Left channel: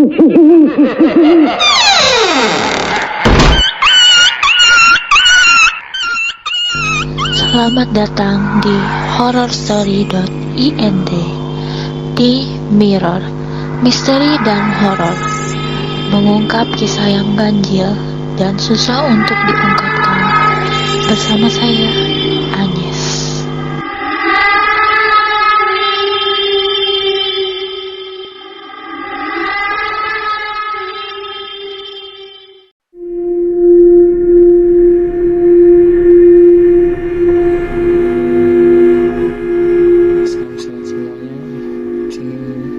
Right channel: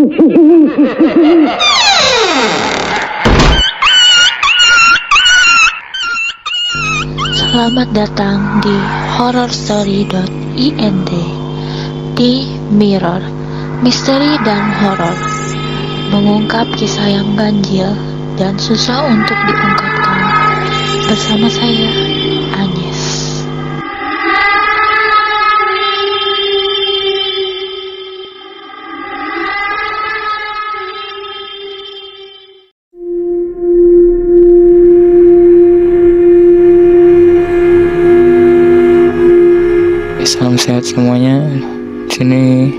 Selamat datang di horrorstory.int. Di Mirror, misteri dan horor, mengungkap kisah yang ganjil dan susah untuk diungkapkan. Bersama saya, Agnes. Salam sehat semuanya. Sini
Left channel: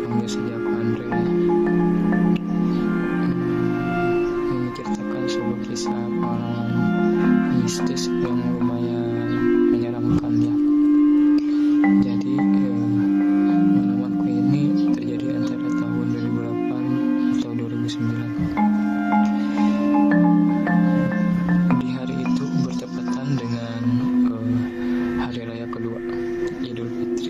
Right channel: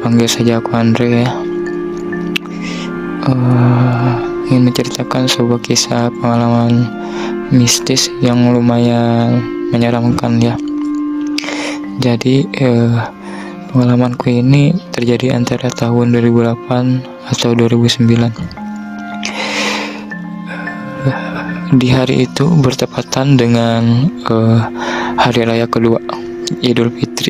panggil saja aku Andre ya. Ingin menceritakan sebuah kisah pengalaman mistis yang lumayan menyeramkan ya. Jadi pengalamanku ini terjadi antara tahun 2008 atau 2009. Di hari itu bertepatan dengan hari raya kedua Idul Fitri.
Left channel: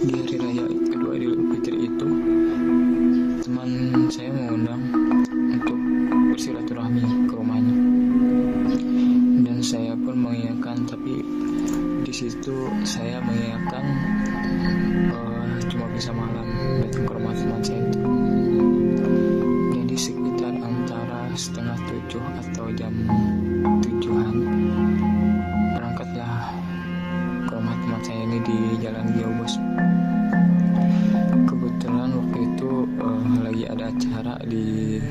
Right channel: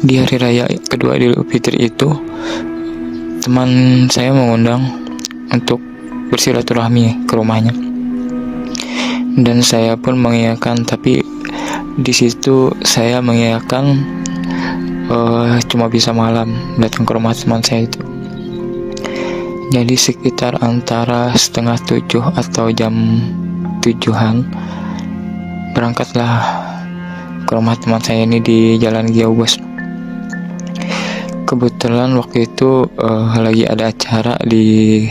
Di hari raya kedua Idul Fitri itu, teman saya mengundang untuk bersilaturahmi ke rumahnya, dan saya pun mengiyakan. Tapi di situ saya mengiyakan cuma bisa malam datang ke rumah teman saya itu. Jadi sekitar antara 6:30 atau jam 7-an berangkatlah ke rumah teman saya ini di Jalan Giaubos. Kebetulan waktu itu lagi ada acara di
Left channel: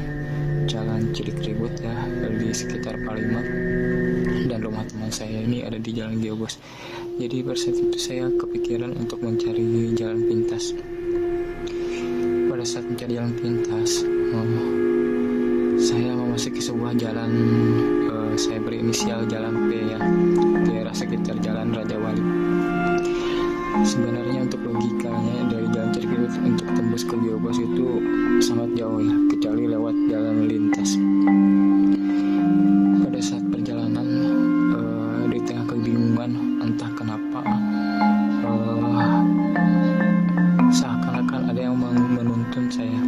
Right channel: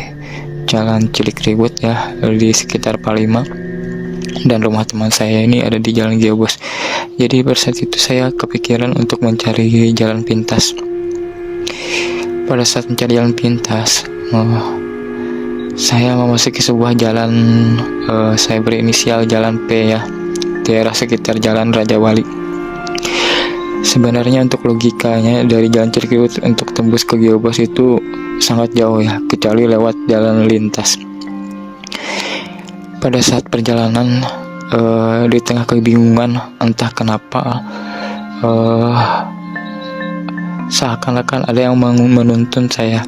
Jalan Cilikriwut ya, di sekitar Palima, dan rumah teman saya ini ada di Jalan Giaubos. Jadi pada saat itu saya kepikiran untuk mencari jalan pintas. Pada saat mencari jalan pintas, saya memasuki sebuah jalan, saya berinisial jalan P ya, daerah sekitar Jalan Raja Wali. Sebenarnya untuk logikanya dari Jalan Cilikriwut untuk tembus ke Giaubos itu sangat jauh ya, kecuali lewat jalan lintas. Pada saat perjalanan, di tengah kebingungan entah kenapa, seakan-akan ada yang menuntun saya.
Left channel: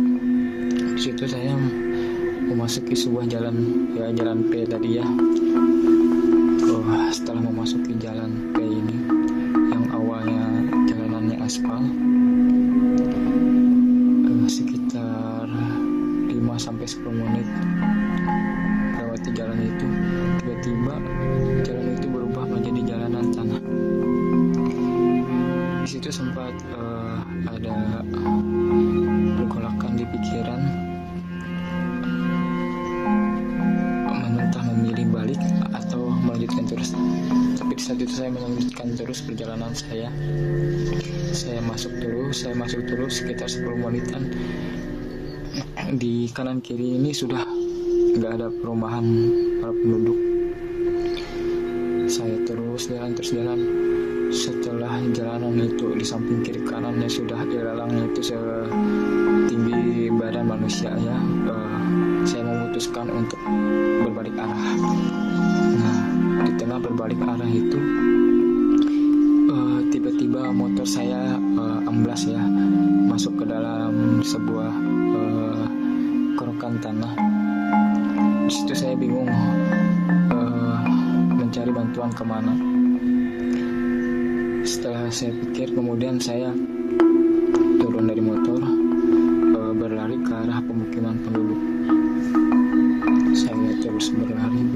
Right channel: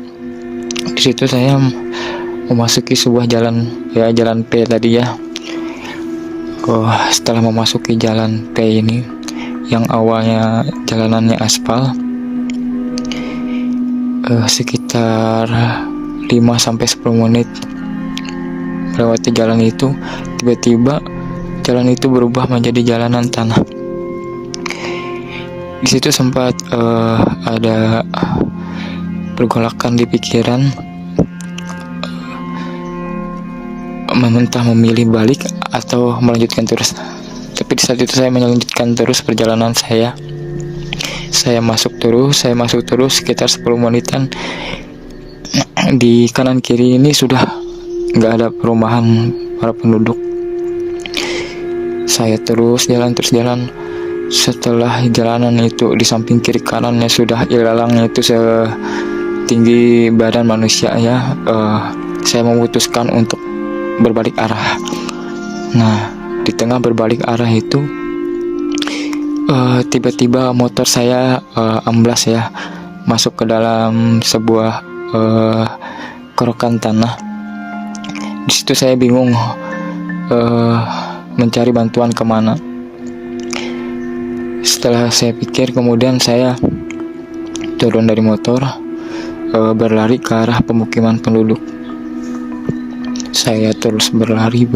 Di situ saya memasuki sebuah jalan ya, jalan P tadi ya. Setelah memasuki jalan P ini, yang awalnya jalanannya aspal, sekitar 5-10 menit melewati jalan itu, tiba-tiba jalan itu berubah menjadi jalanan tanah. Di situ sempat ada pergolakan di pikiran, mentah memilih balik atau melanjutkan terus. Tapi di saat itu saya melanjutkan terus perjalanan saya. Saya masuk terus sekitar 10 menitan. Di kanan kiri ini sudah nggak ada perumahan para penduduk. Saya terus jalan. Setelah jalanan itu, di samping kiri kanannya sudah ilalangnya itu setinggi badan manusia ya. Saya memutuskan untuk berbalik arah. Nah, di tengah berbalik arah itu, tiba-tiba motor saya amblas ya, masuk ke dalam sebuah kerokan tanah. Di situ saya bingung mencari bantuan kemana. Setelah saya pikir, kemudian saya turun dari motor, berlari ke arah pemukiman penduduk. Saya terus berlari.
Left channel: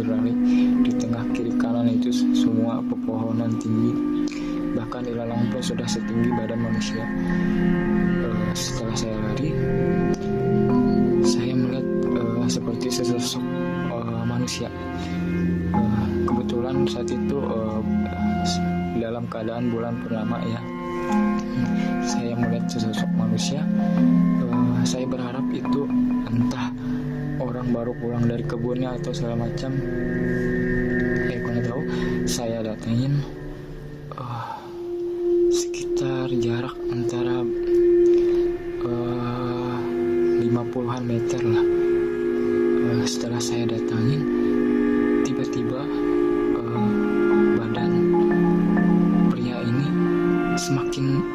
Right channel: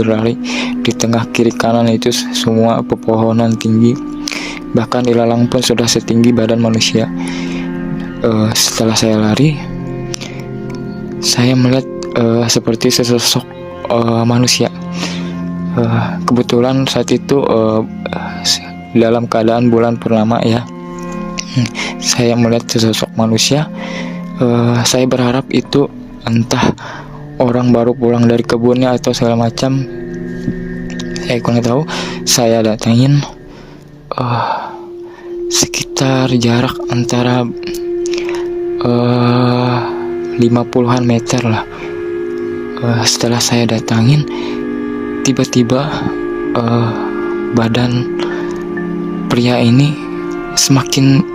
Di tengah kiri kanan itu semua pepohonan tinggi, bahkan ilalang pun sudah setinggi badan manusia. Setelah saya lari, saya melihat seperti sesosok manusia. Kebetulan saat itu dalam keadaan bulan purnama ya. Saya melihat sesosok manusia. Saya berharap itu entah orang baru pulang dari kebunnya atau segala macam. Saya kurang tahu. Saya datangin sekitar jarak antara 50-an meter lah. Setelah saya datangin, tiba-tiba badan pria ini semakin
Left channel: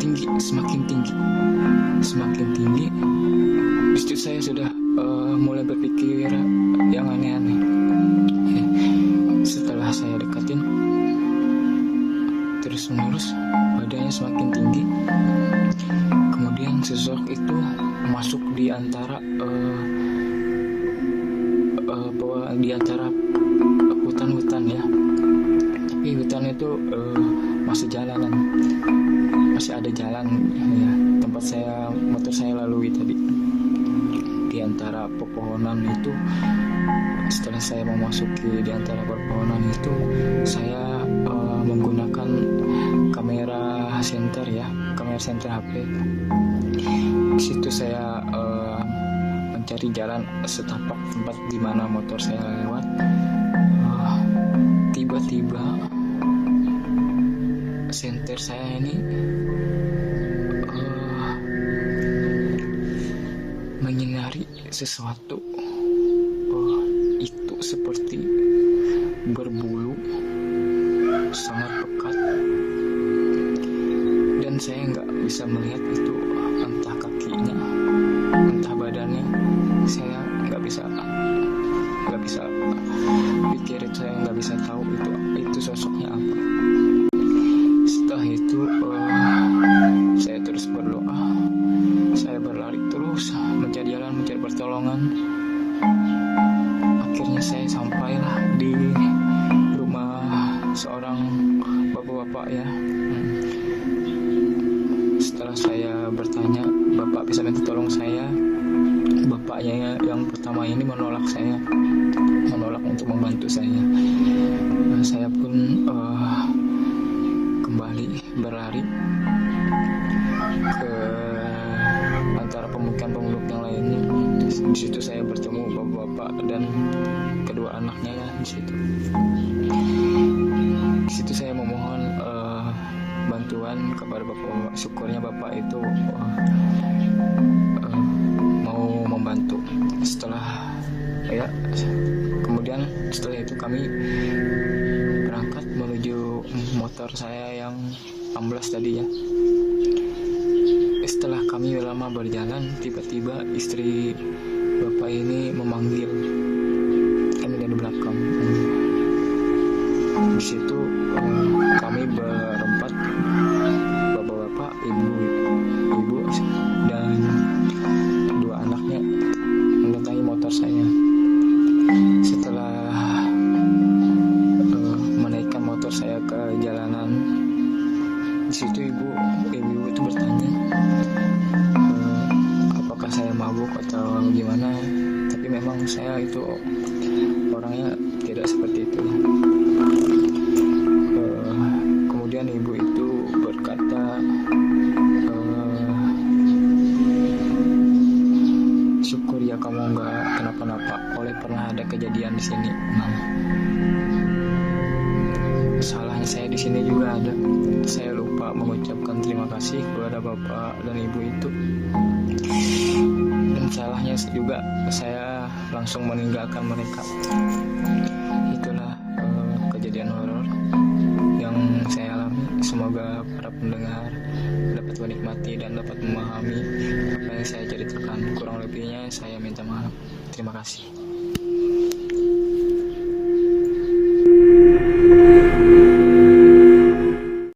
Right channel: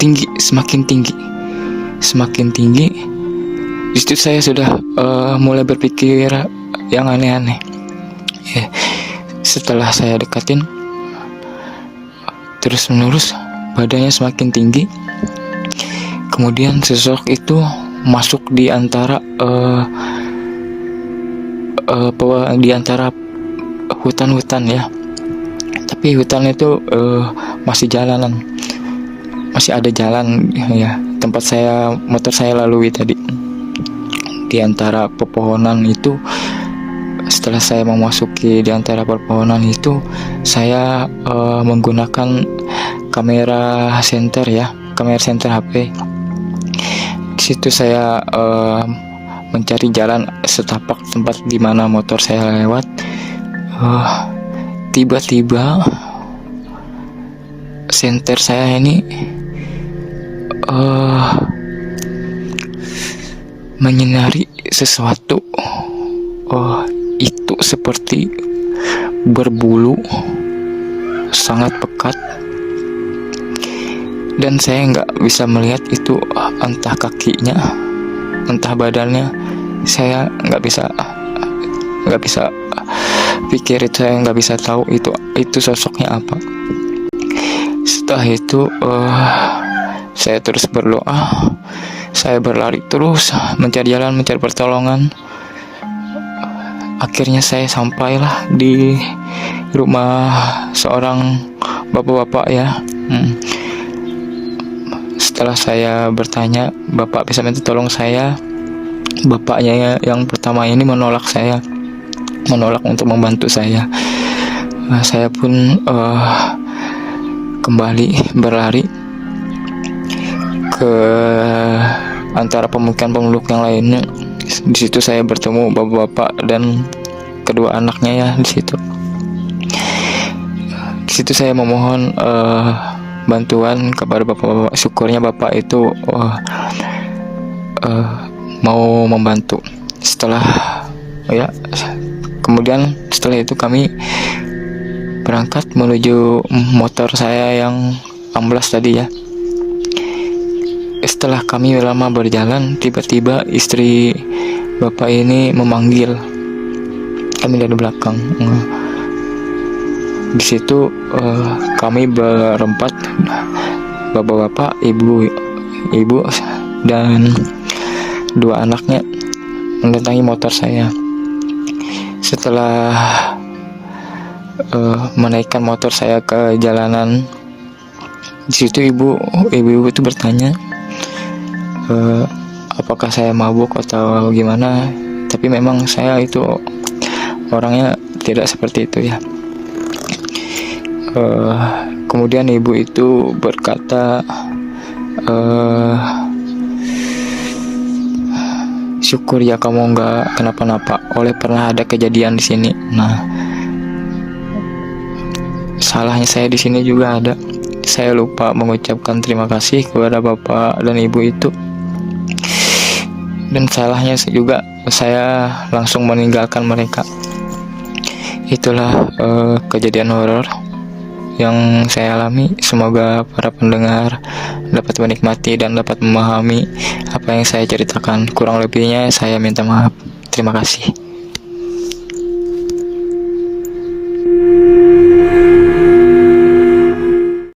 tinggi, semakin tinggi, semakin tinggi. Di situ saya sudah mulai berpikir yang aneh-aneh. Setelah saya dekatin, terus menerus badannya semakin tinggi. Kemudian sosok itu masuk di antara hutan-hutan ya. Tapi hutan itu masih jalanan, masih ada jalan ya. Tempat motor saya lalui tadi di antara pepohonan itu. Setelah saya memasuki di antara pepohonan itu, saya menggunakan kamera senter ya, kamera senter HP. Di situ saya mencari jalan setapak tempat di mana motor saya lewat. Tiba-tiba senter saya ini menyinari sesuatu. Itu seperti berbulu sangat pekat, dan saya nggak bisa melihat itu entah kakinya, entah badannya. Saya nggak bisa pikir itu, saya nggak bisa tahu itu sosoknya apa. Setelah itu saya terus berdoa, saya berlari terus mencari jalan, mencari pertolongan. Akhirnya saya sampailah di rumah seorang bapak-bapak ya. Setelah saya bertanya, bapak bisa minta tolong saya. Bapaknya yang pertama ini menolak untuk membantu saya. Saya pun kembali berlari ke antara pemukiman-penduduk yang lainnya. Di situ saya bertemu bapak-bapak dan kedua anaknya ya di situ. Di situ saya memohon bantuan kepada bapak-bapak. Syukurnya bapak itu mau membantu. Kemudian setelah itu kami berangkat menuju motor saya yang amblas tadi ya. Setelah kami lama berjalan, tiba-tiba istri bapak ini memanggil kami dari belakang. Di situ kami berempat, bapak-bapak, ibu dan dua anaknya mendatangi motor saya. Setelah menaikkan motor saya ke jalanan, di situ ibu itu bertanya, apakah saya mabuk atau gimana. Tapi memang saya itu orangnya tidak seperti itu ya. Kemudian ibu itu berkata, syukur ya kamu nggak kenapa-napa, oleh pernah ada kejadian di sini. Nah, salahnya saya di sini juga ada. Saya lupa mengucapkan terima kasih kepada bapak dan ibu itu. Dan salahnya juga saya langsung meninggalkan mereka. Itulah kejadian horor yang saya alami. Semoga para pendengar dapat menikmati dan dapat memahami apa yang saya ceritakan. Kurang lebihnya saya minta maaf. Terima kasih.